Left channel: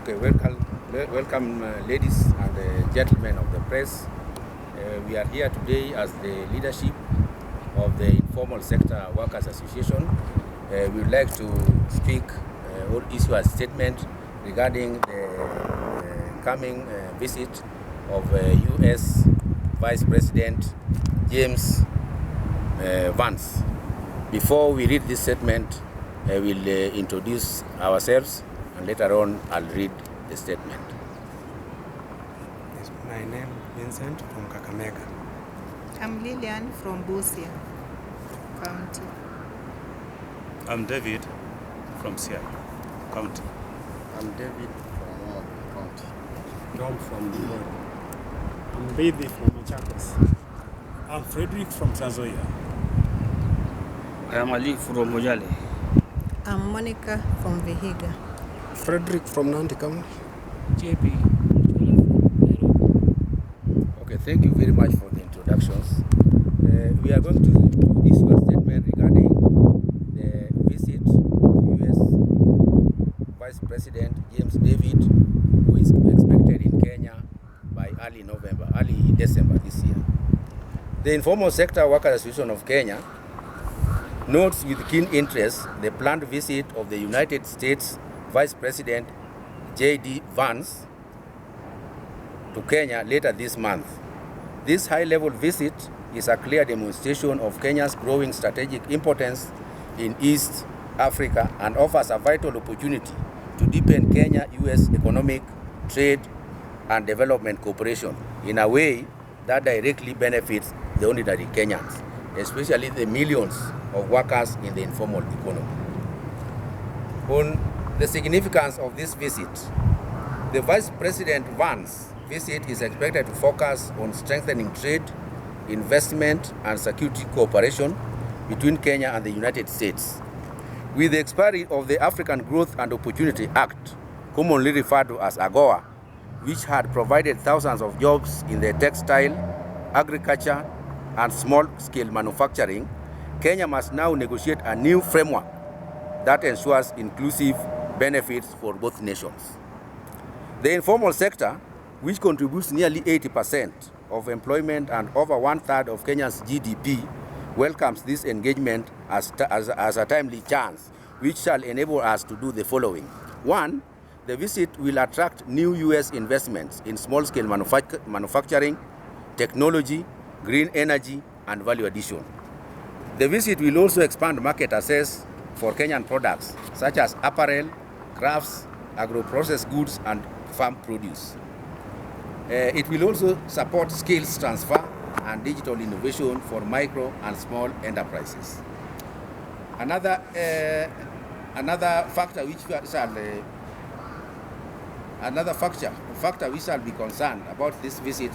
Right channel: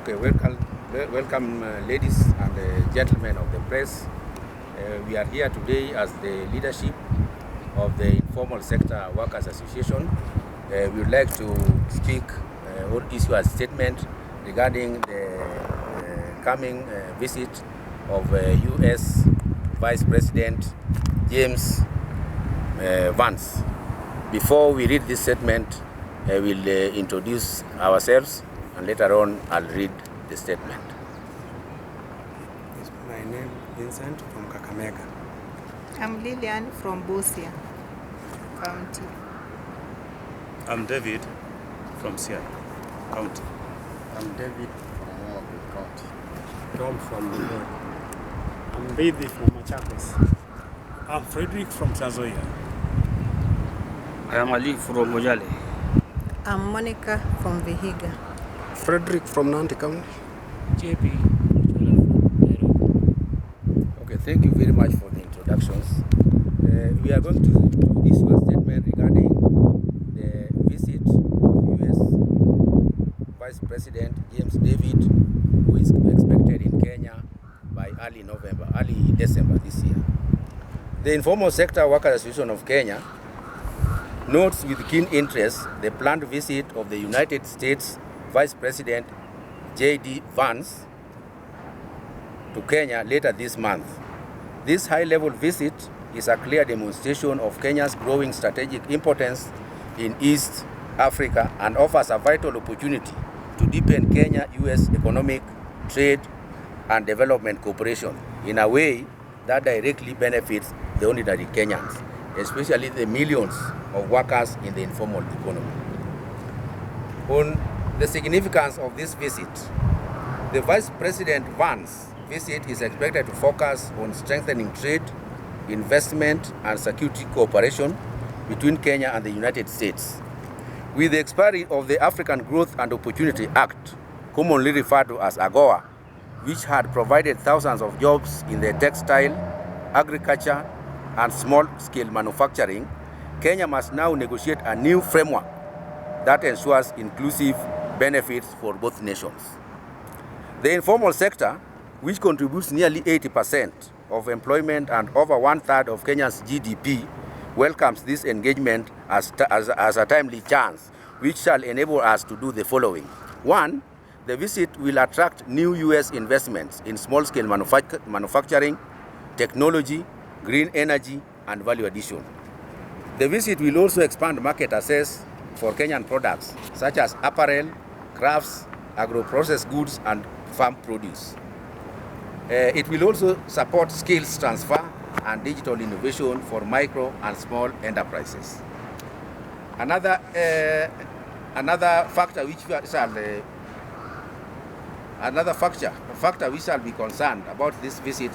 Okay, welcome ladies and gentlemen of the press. We are here today as the leadership of the Informal Sector Workers Association. We would like to speak or issue a statement regarding the coming visit of U.S. Vice President James Vance. Before we read this statement, I will introduce ourselves, and later on I'll read the statement. Yes, my name is Vincent from Kakamega. I'm Lillian from Busia County. I'm David from Siaya County. I'm David from Homabay County. Tom from Migori. I'm Bedi from Machakos. I'm Frederick from Tanzania. I am Ali from Mojale. I'm Monica from Vihiga. Frederick from Nandi County. JP from Nairobi. Okay, thank you very much for the introductions. We are going to issue a statement regarding the visit of U.S. Vice President James David, who is expected in Kenya by early December this year. The Informal Sector Workers Association of Kenya notes with keen interest the planned visit of the United States Vice President J.D. Vance to Kenya later this month. This high-level visit is a clear demonstration of Kenya's growing strategic importance in East Africa and offers a vital opportunity to deepen Kenya-US economic, trade, and development cooperation in a way that directly benefits the ordinary Kenyans, especially the millions of workers in the informal economy. On the significance of this visit, the Vice President Vance visit is expected to focus on strengthening trade, investment, and security cooperation between Kenya and the United States. With the expiry of the African Growth and Opportunity Act, commonly referred to as AGOA, which had provided thousands of jobs in the textile, agriculture, and small-scale manufacturing, Kenya must now negotiate a new framework that ensures inclusive benefits for both nations. The informal sector, which contributes nearly 80% of employment and over one-third of Kenya's GDP, welcomes this engagement as a timely chance, which shall enable us to do the following. One, the visit will attract new U.S. investments in small-scale manufacturing, technology, green energy, and value addition. The visit will also expand market access for Kenyan products, such as apparel, crafts, agro-processed goods, and farm produce. It will also support skills transfer and digital innovation for micro and small enterprises. Another factor which we shall be concerned about this visit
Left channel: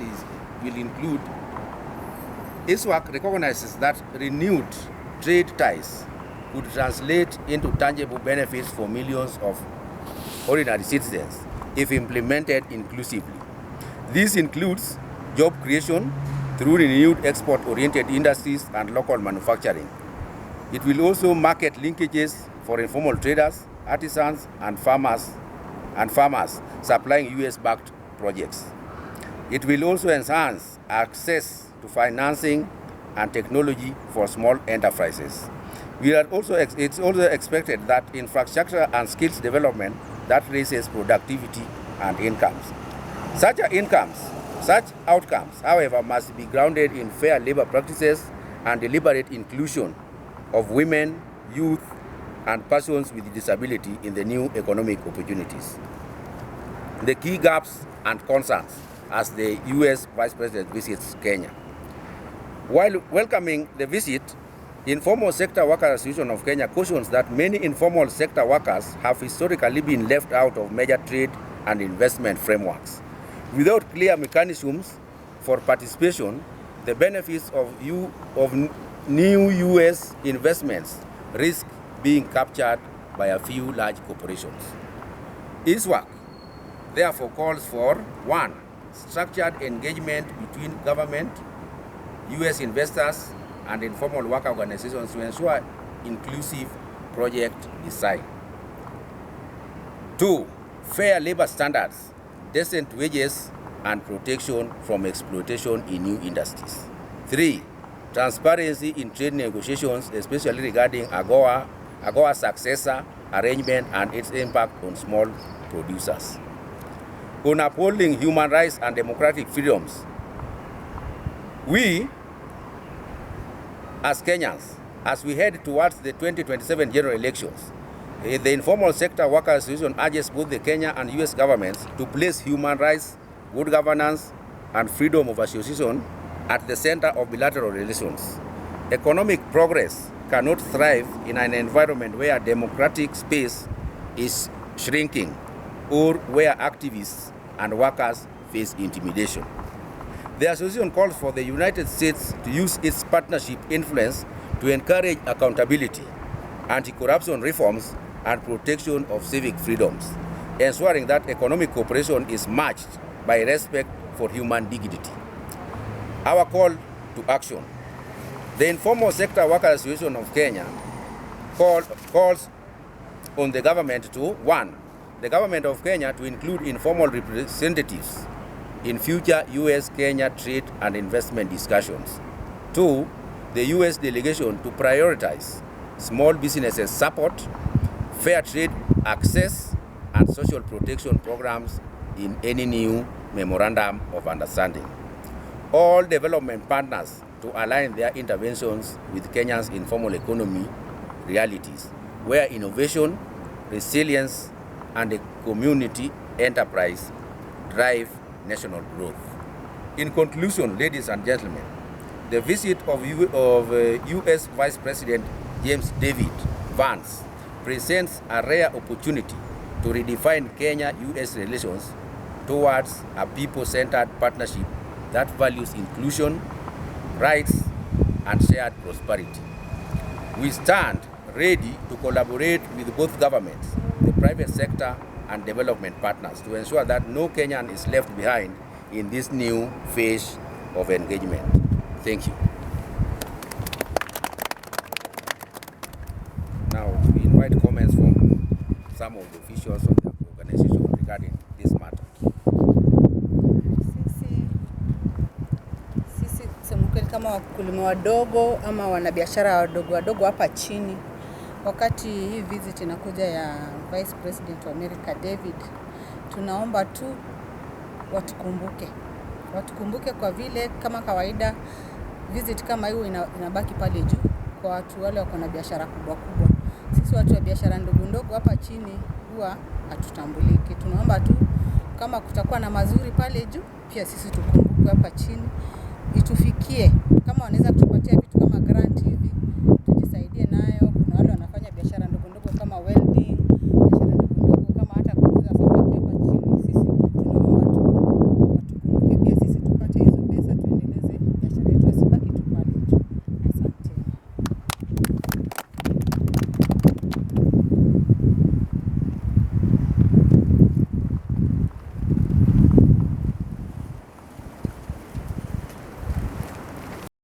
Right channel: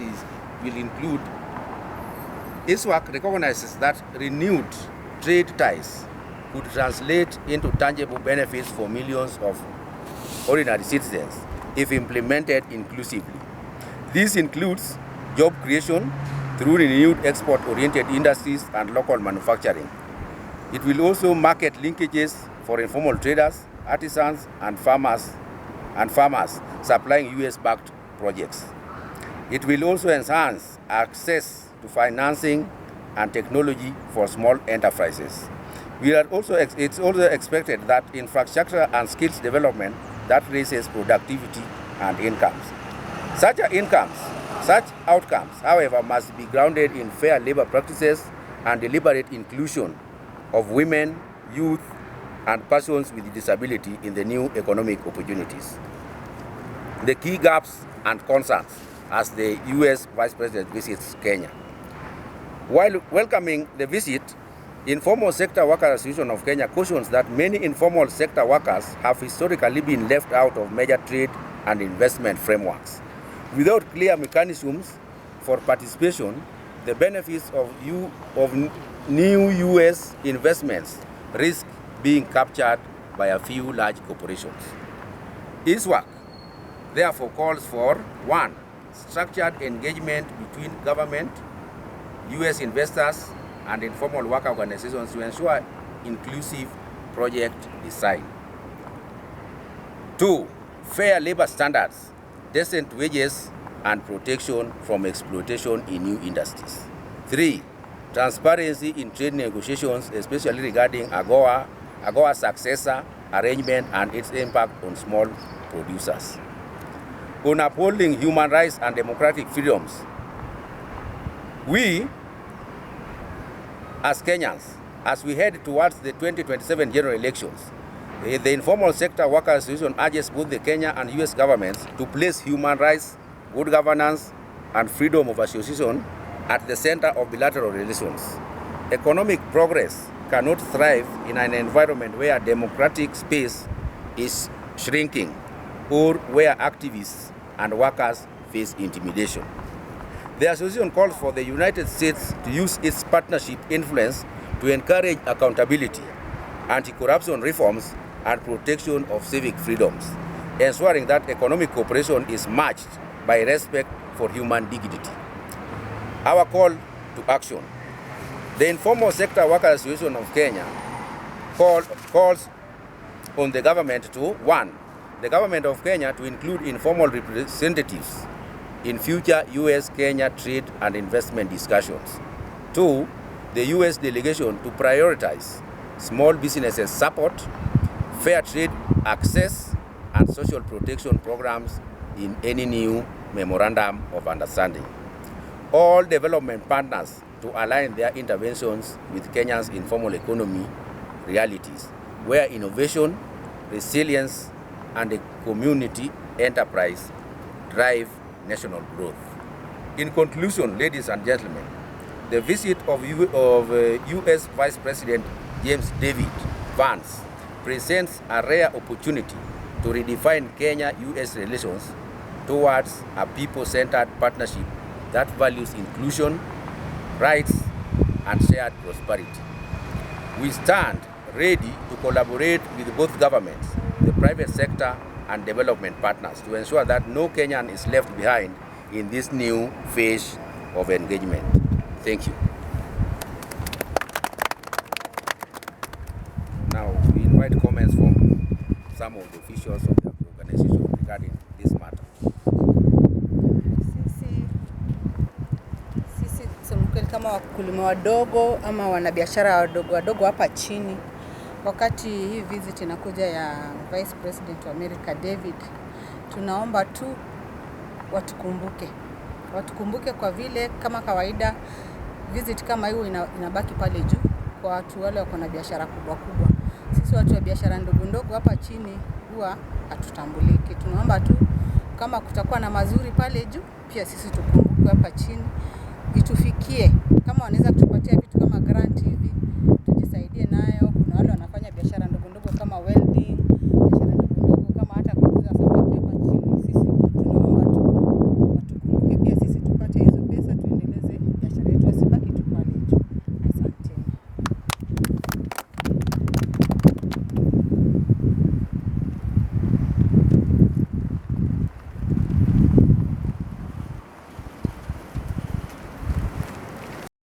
will include ISWAK recognizes that renewed trade ties could translate into tangible benefits for millions of ordinary citizens if implemented inclusively. This includes job creation through renewed export-oriented industries and local manufacturing. It will also market linkages for informal traders, artisans, and farmers supplying US-backed projects. It will also enhance access to financing and technology for small enterprises. It's also expected that infrastructure and skills development that raises productivity and incomes. Such outcomes, however, must be grounded in fair labor practices and deliberate inclusion of women, youth, and persons with disability in the new economic opportunities. the key gaps and concerns as the U.S. Vice President visits Kenya. While welcoming the visit, Informal Sector Workers Association of Kenya cautions that many informal sector workers have historically been left out of major trade and investment frameworks. Without clear mechanisms for participation, the benefits of new U.S. investments risk being captured by a few large corporations. ISWAK therefore calls for 1. Structured engagement between government, U.S. investors, and informal worker organizations to ensure inclusive project design. 2. Fair labor standards, decent wages, and protection from exploitation in new industries. 3. Transparency in trade negotiations, especially regarding AGOA successor arrangement and its impact on small producers. On upholding human rights and democratic freedoms, we, as Kenyans, as we head towards the 2027 general elections, the Informal Sector Workers Association urges both the Kenya and U.S. governments to place human rights, good governance, and freedom of association at the center of bilateral relations. Economic progress cannot thrive in an environment where democratic space is shrinking or where activists and workers face intimidation. The association calls for the United States to use its partnership influence to encourage accountability, anti-corruption reforms, and protection of civic freedoms, ensuring that economic cooperation is matched by respect for human dignity. Our call to action. The Informal Sector Workers Association of Kenya calls on the government to 1. The government of Kenya to include informal representatives in future U.S.-Kenya trade and investment discussions. 2. The U.S. delegation to prioritize small businesses support, fair trade access, and social protection programs in any new memorandum of understanding. All development partners to align their interventions with Kenya's informal economy realities, where innovation, resilience, and a community enterprise drive national growth. In conclusion, ladies and gentlemen, the visit of U.S. Vice President James David Vance presents a rare opportunity to redefine Kenya-U.S. relations towards a people-centered partnership that values inclusion, rights, and shared prosperity. We stand ready to collaborate with both governments, the private sector, and development partners to ensure that no Kenyan is left behind in this new phase of engagement. Thank you. Now, we invite comments from some of the officials of the organization regarding this matter. Sisi kusema kweli kama wakulima wadogo ama wanabiashara wadogo hapa chini, wakati hii visit inakuja ya Vice President wa America David, tunaomba tu watukumbuke kwa vile kama kawaida visit kama hiyo inabaki pale juu kwa watu wale wako na biashara kubwa. Sisi watu wa biashara ndogo hapa chini huwa hatutambuliki. Tunaomba tu kama kutakuwa na mazuri pale juu, pia sisi tukumbukwe hapa chini, itufikie. Kama wanaweza kutupatia vitu kama grant hivi, tujisaidie nayo. Kuna wale wanafanya biashara ndogo kama welding, biashara ndogo kama hata kuuza samaki hapa chini. Sisi tunaomba tu watukumbuke pia sisi tupate hizo pesa tuendeleze biashara yetu, asibaki tu pale juu.